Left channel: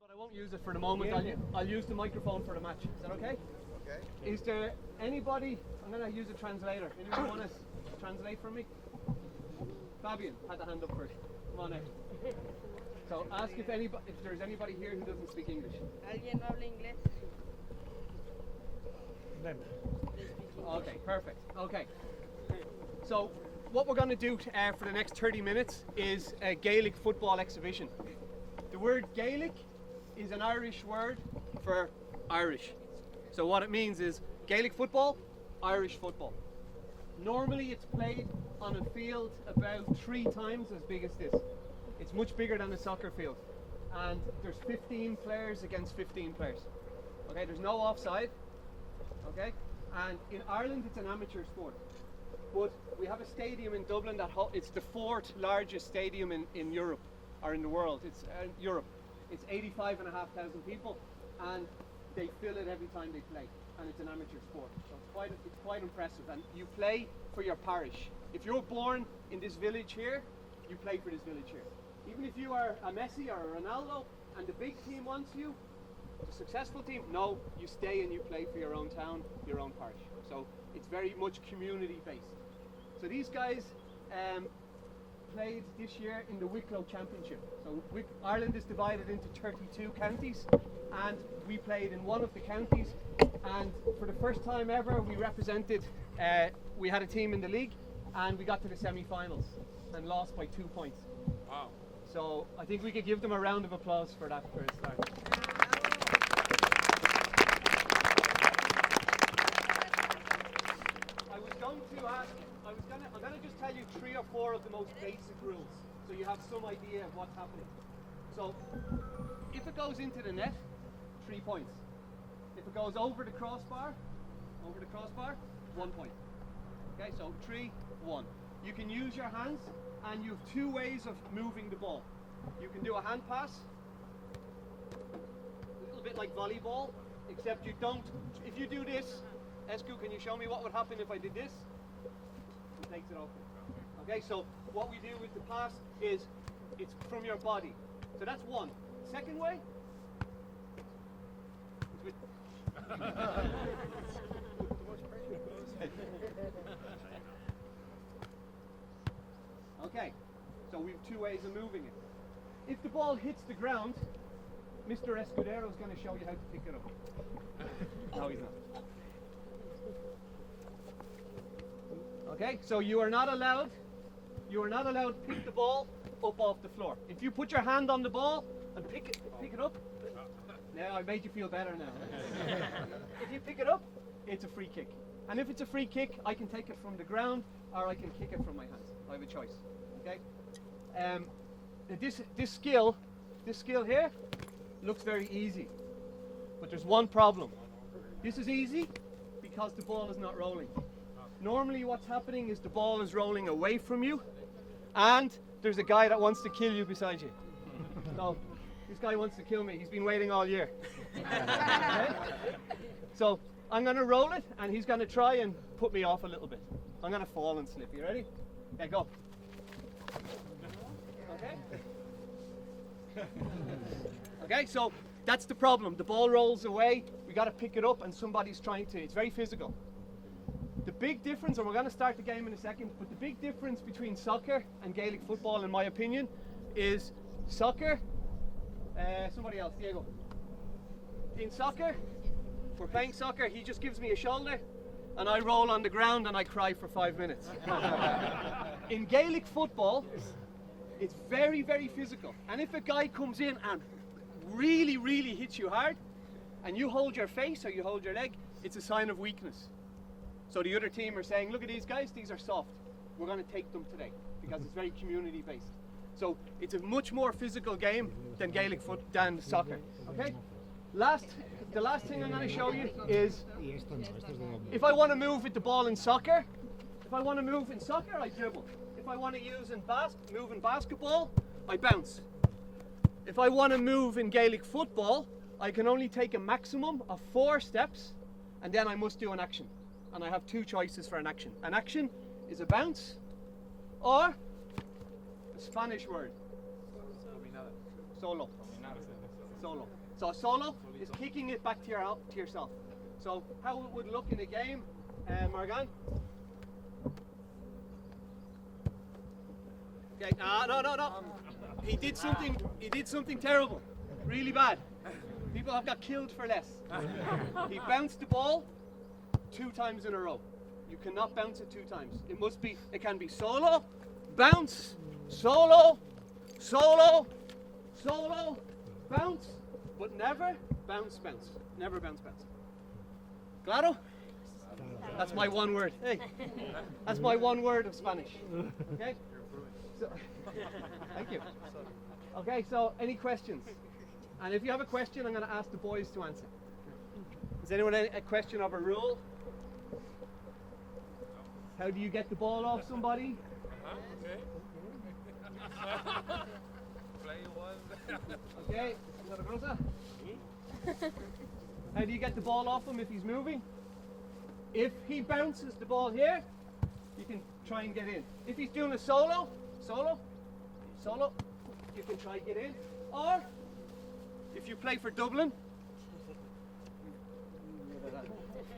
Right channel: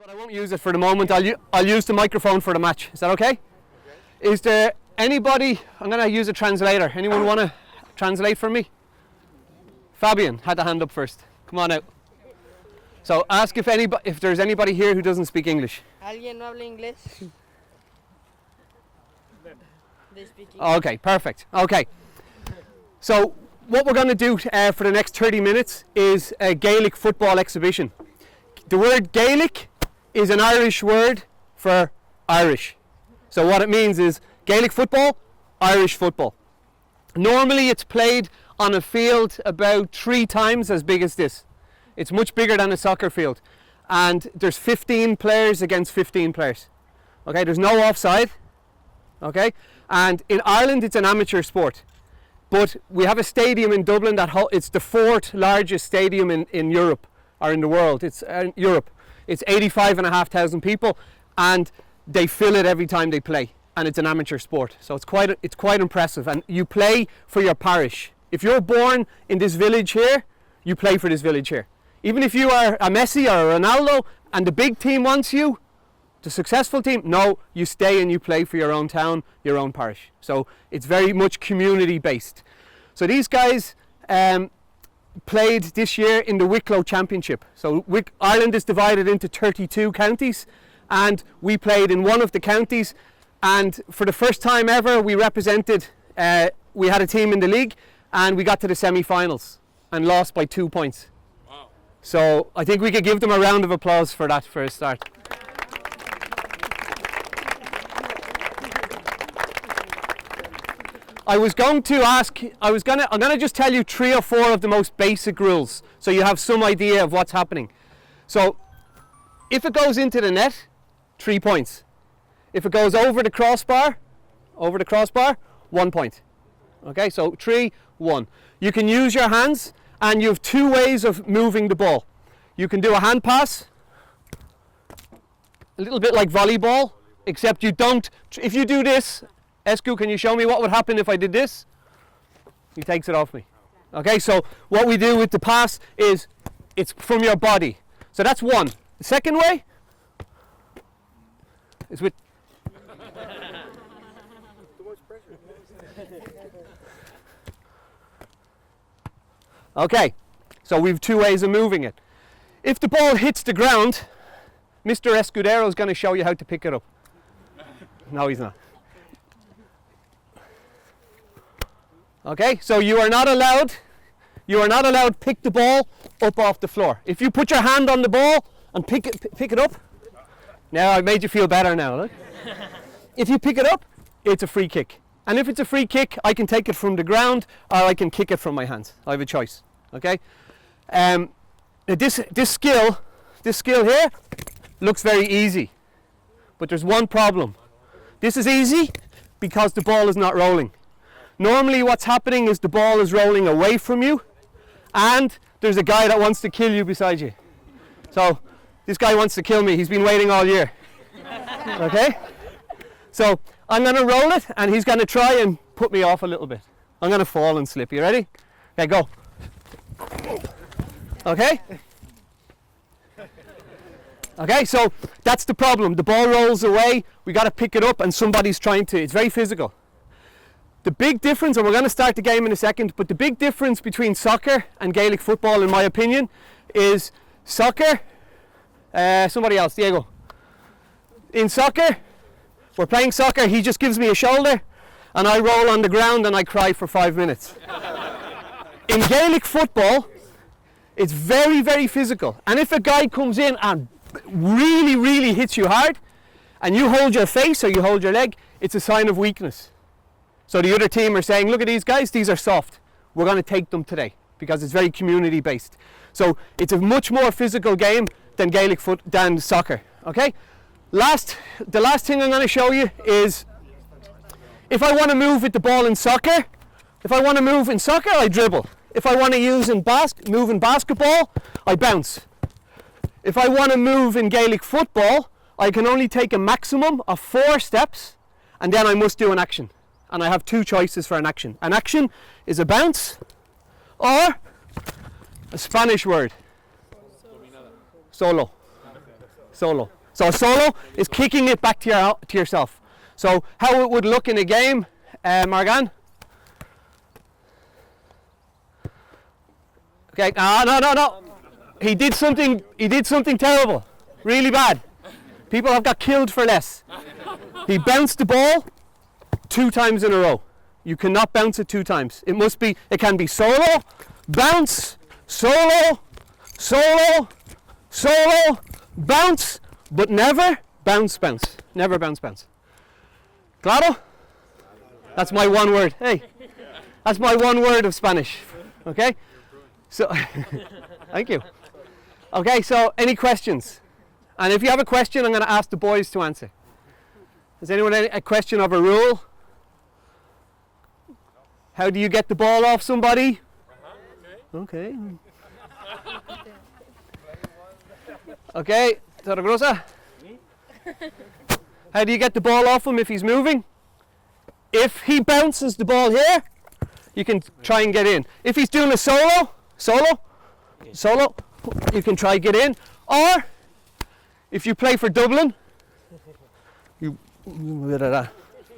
But I won't use it for the moment. I'll use the microphone for the match. Is that okay? Is there anybody, I'm going to use a translator. Anyone want to translate for me? Fabian had the hand up first. Come on out. So ask if there's anybody here who doesn't speak English. ¿Alguien no habla inglés? They speak English. Okay, perfect. Okay. So what we're going to do for the next 30 minutes is a Gaelic football exhibition. The word Gaelic is an Irish word for Irish. So what it means is Gaelic football, Irish football. Normally it's played on a field about 3 times as big as this. It's much bigger than a soccer field. And there's 15 players against 15 players. Okay, there's no offside. Okay, and in Ireland it's an amateur sport. But we have a stadium in Dublin it's the 4th largest stadium in Europe, or in the world. It's Europe. It's 85,500 people, and they fill it every time they play. And it's an amateur sport, so it's quite impressive. And you play for your parish. If you're born in this village here, you play for this village here. Even if you are a Messi or a Ronaldo, and the big team wants you, the successful team, no, you stay and you play for your own town, your own parish. So it's very much community based. So these guys played this year in the Wicklow Championship. So Ireland is divided into 32 counties, and we played in one of the counties, and for the first time ever we represented, we had a team in the league, and we got to the semi-finals and lost by 2 points. Wow. So I think we could give them a round of applause for that for a start. I'm going to just tell you 3 or 4 of the most basic rules so you have some idea of what's happening. So if it goes into the net, 3 points. If it goes over the crossbar, 1 point. Okay, so 3, 1. You can use your hands, and you have 2 ways of moving the ball. You can do a hand pass, a little bit like volleyball, except you don't, if you do this, Esku, can you show me what would happen if I did this? He takes it off me. Okay, so what we do with the pass is it's from your body. So that's one. The second way is with... Okay, so we've 2 ways of moving it. If the ball hits the ground, Mr. Escudero is going to show you how to pick it up. No, he's not. Okay, so you are not allowed to pick the ball up off the floor. If you put your hand on the ball and pick it up, now I made you feel better now, look. If you pick it up, it's a free kick. And if it's a free kick, I can take it from the ground or I can kick it from my hands. I have a choice, okay? This skill here looks very easy, but there's one problem. This is easy because the ball is not rolling. Normally what's happening is the ball is rolling away from you, and there's a guy that wants to kill you beside you. So this guy wants to kill me. He's been waiting all year. Okay? So I'm going to roll it, and he's going to try and put me off a little bit. I'm going to fall and slip. You ready? Okay, go. Okay? Okay, so that's the problem. The ball rolls away. We got to pick it up, and somebody's trying to. It's very physical. The big difference, and we're going to start the game in a second, but the big difference between soccer and Gaelic football, in my opinion, is soccer. Somebody else, Diego. In soccer, we're playing soccer, he just gives me a shoulder, and I roll on the ground and I cry for 5 minutes. In Gaelic football, it's very, very physical. And if a guy comes in and really, really hits you hard, and you hold your face or you hold your leg, it's a sign of weakness. So the other team are saying, look at these guys, these are soft. We're going to take them today because it's very community based. So it's a much more physical game than soccer. Okay? The last thing I'm going to show you is if I want to move with the ball in soccer, I dribble. If I want to move in basketball, I bounce. If I want to move in Gaelic football, I can only take a maximum of 4 steps, and then I must do an action. And I have 2 choices for an action. An action is a bounce or a Spanish word. Solo. Solo. So a solo is kicking it back to yourself. So how it would look in a game, Margan? Okay, no. He did something terrible. Really bad. People have got killed for less. He bounced the ball 2 times in a row. You cannot bounce it 2 times. It can be solo, bounce, solo, solo, solo, bounce, but never bounce. Never bounce. Claro? That's my one word. Hey, that's my one word of Spanish. Okay? So, thank you. Okay, so any questions? And if you have a question, I'm going to ask the boys to answer. Has anyone a question of a rule? How do you get the ball off somebody? Okay. Okay, Torregrosa. How do you get the ball off him if he's moving? If he bounces the ball here, you can try and get in. If he's doing a solo, you can try get in. Or if you play for Dublin, you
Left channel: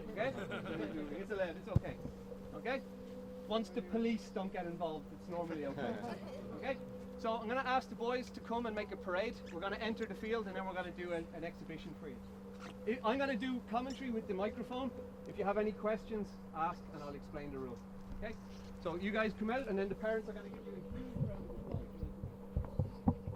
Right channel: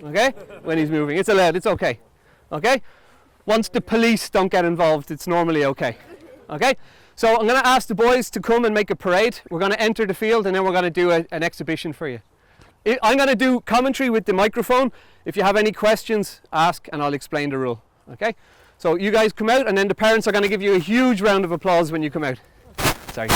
okay? When he's moving, it's allowed. It's okay. Okay? Once the police don't get involved, it's normally okay. Okay? So I'm going to ask the boys to come and make a parade. We're going to enter the field and then we're going to do an exhibition for you. I'm going to do commentary with the microphone. If you have any questions, ask and I'll explain the rule. Okay? So you guys come out and then the parents are going to give you a huge round of applause when you come out. Sorry.